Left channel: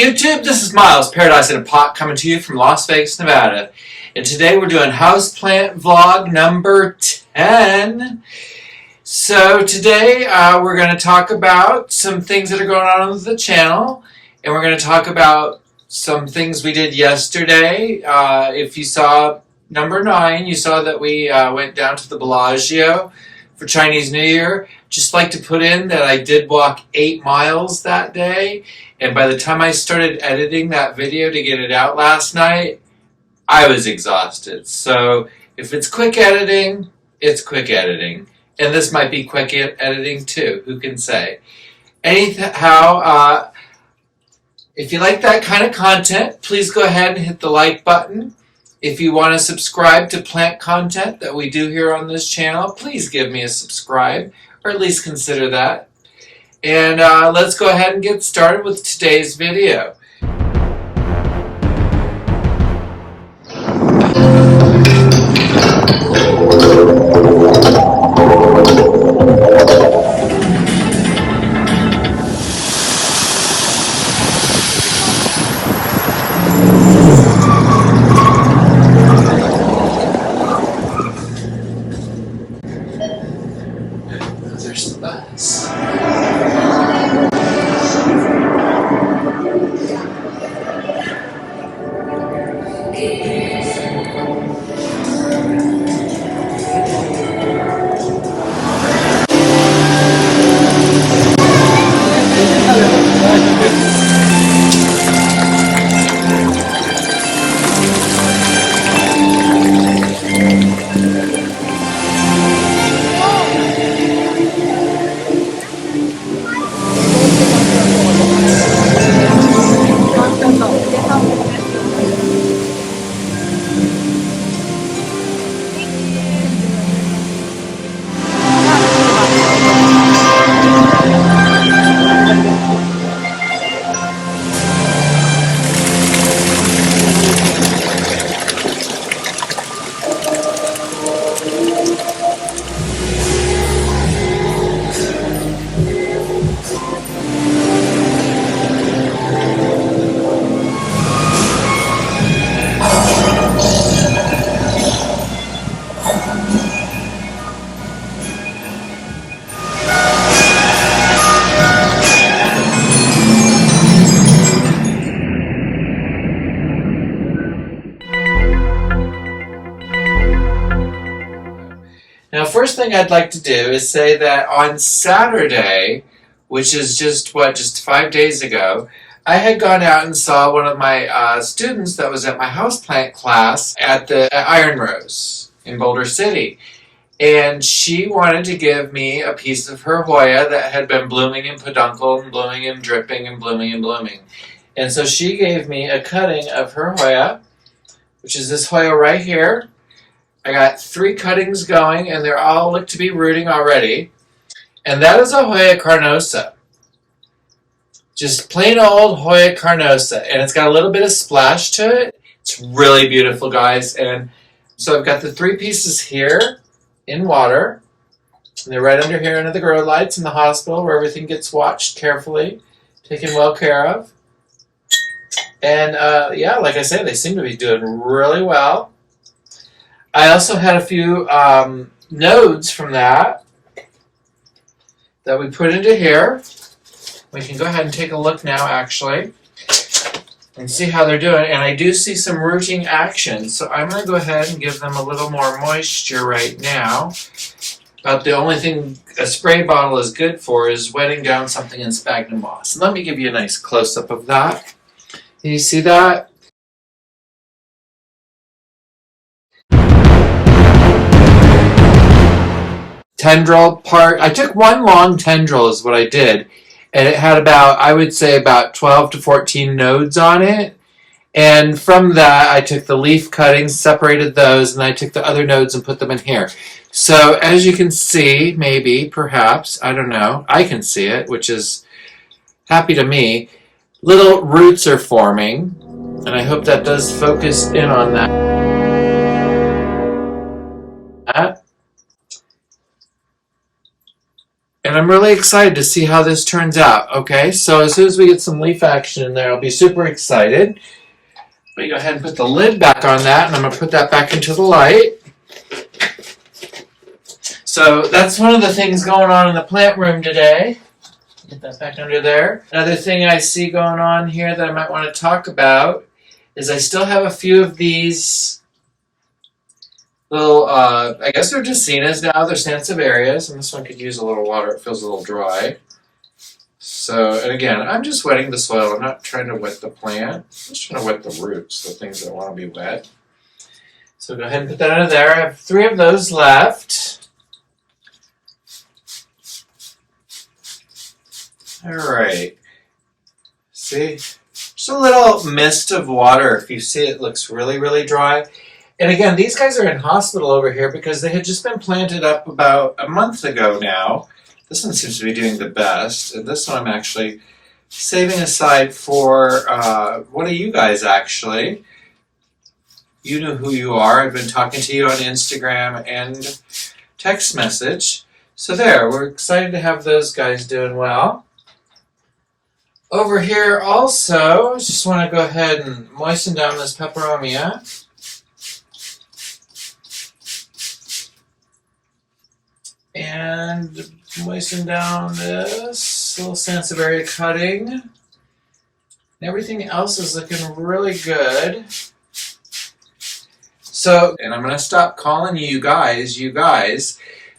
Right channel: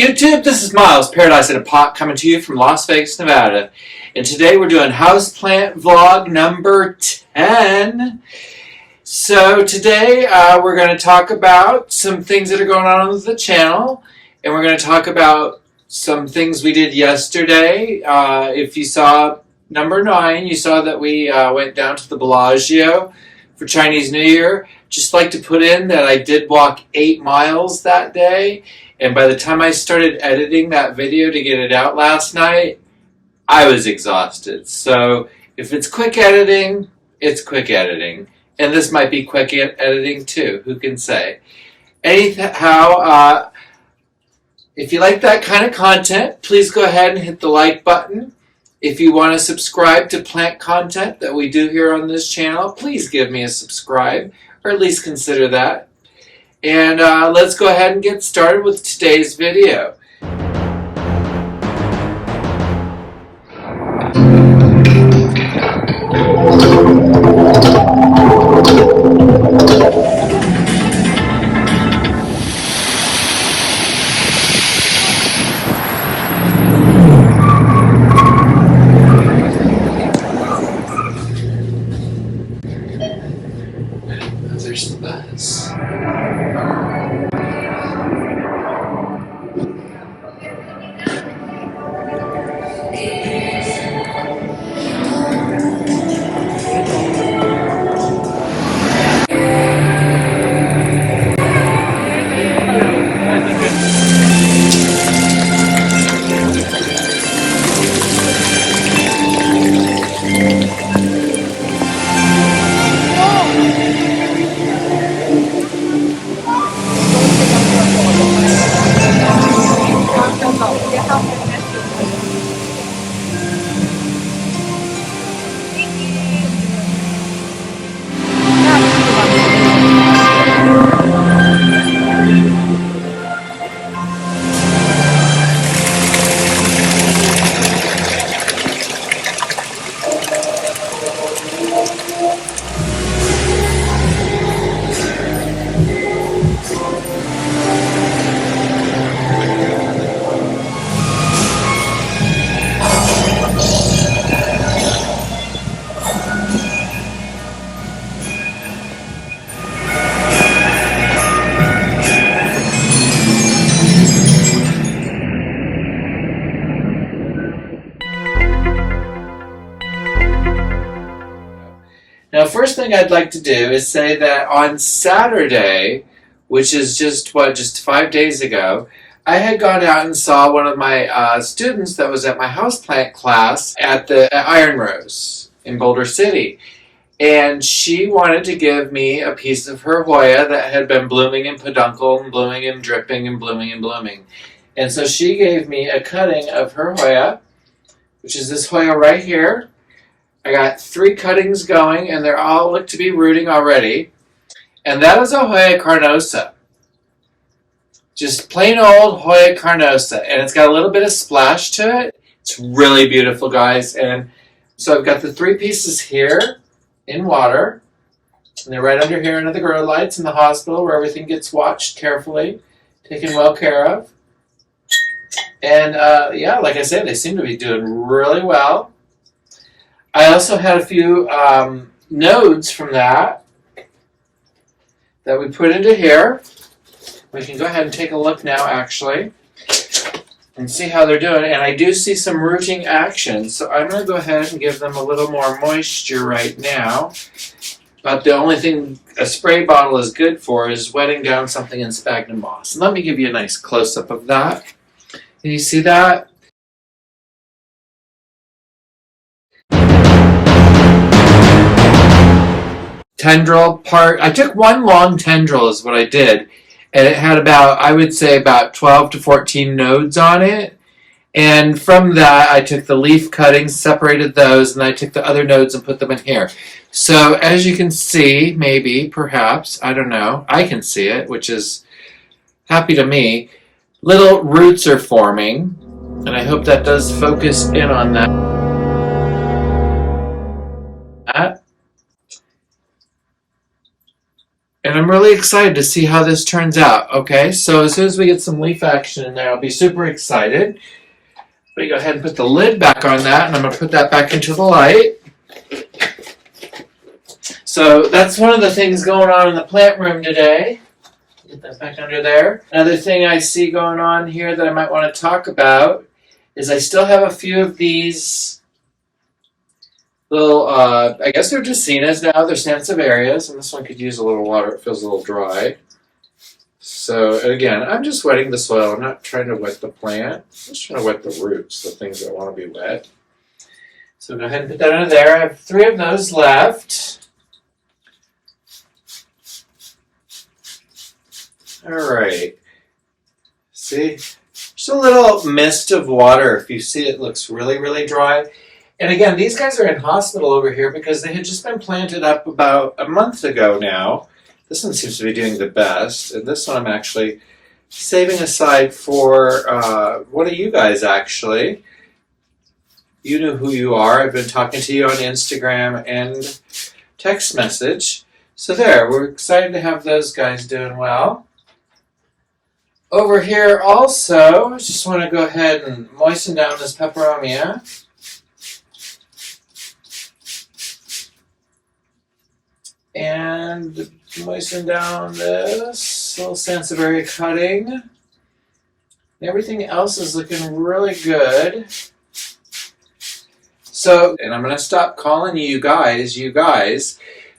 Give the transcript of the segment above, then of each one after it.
YouTube, this is Miles, Paradise in a Pot, coming to you from Las Vegas, Nevada. And today we're doing Houseplant vlog number 10. So today we're going to talk about some things that are going on with the channel. And we're going to talk about some things we did yesterday. If you saw number 9, you saw that we went down to the Bellagio for Chinese New Year. Just like to put in that I did walk 8 miles that day. And by the time I started editing that video to get it out last night, I was exhausted. So if it's quick editing, it's quick editing. And this might be quick editing too, who can say. Anyhow, if you like that kind of content, please go ahead and hit the like button. If you want to subscribe to plant content that we do here on this channel, please give me a subscribe, or at least consider that. And let's go ahead and get started with today's video. There's the bus. Now, first thing I'd like to do is say that on Saturday, which is just 5 days ago, I had gone out and saw one of my students that was at my houseplant class at Iron Rose in Boulder City. And she wanted to give me a piece of her Hoya that had been blooming in peduncle and blooming and dripping and blooming and blooming. And so she gave me a cutting of her Hoya, which is this Hoya right here. I got 3 cuttings going, and they all look to be rooting already. And that is a Hoya carnosa. Just plain old Hoya carnosa. And it's got a little bit of splash to it. It's really beautiful, guys. And so I've got the 3 pieces here in water. And they're right under here under the grow lights in the hospital where everything gets watched carefully, taken well care of. And yeah, like I said, they seem to be doing really well. I also had a few nodes from that we put into here. We can go ahead and take a look now, actually, and see how they're doing. And I do see some rooting action, so I'm going to go ahead and give them a little more moisture right now. But the only thing a spray bottle is good for is wetting down something in sphagnum moss. And let me give you a nice close-up of that. Can you see that? Tendril part. I took one long tendril is what I did, and it had about, I would say, about 12 to 14 nodes on it. And from that, I took the leaf cuttings, separated those, and I took the other nodes and put them in here. So as you can see, maybe, perhaps, I don't know, I can see it, which is happy to me. Little roots are forming, and I hope that does focus in on that. And I'm really excited to see how this turns out, okay? So as soon as we get some leaf action in there, I'll be super excited. We go ahead and put the lid back on that, and I'm going to put that back into the light. So that's one of the things going on in the plant room today. Get that back under there. Another thing I see going on here that I might want to talk about is I still have a few of these little, I guess they're Dracaenas now. They're Sansevierias, and this one could use a little water. It feels a little dry. So, and again, I'm just wetting the soil. I'm not trying to wet the plant. I'm just trying to wet the roots, the things that want to be wet. So go ahead and put that under there. I have 3 of those left. All right. See? Just a little mist of water. If you see, it looks really, really dry. And again, these guys are in hospital over here because they had just been planted up about a month ago now. This one seems to be doing the best. And this one I'm actually saving aside for one of you guys, actually. You know who you are. I've been talking to you on Instagram and text message. So there, we're excited to have those guys doing well. Over here also, I just want to go ahead and moisten down this peperomia. And moisten down this little Sansevieria cutting. And everything else is looking really good. So, and I'm going to stop calling you guys,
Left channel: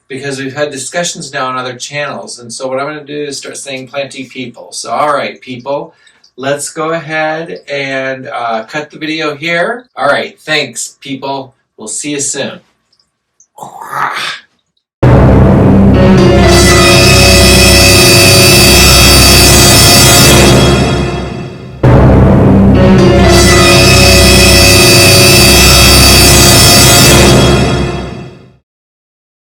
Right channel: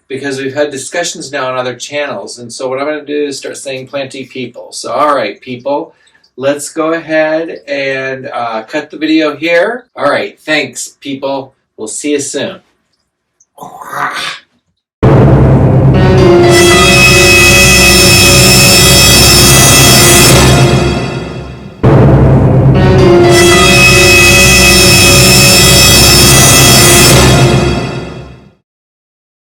because we've had discussions now on other channels. And so what I'm going to do is start saying plenty people. So, all right, people, let's go ahead and cut the video here. All right, thanks, people. We'll see you soon.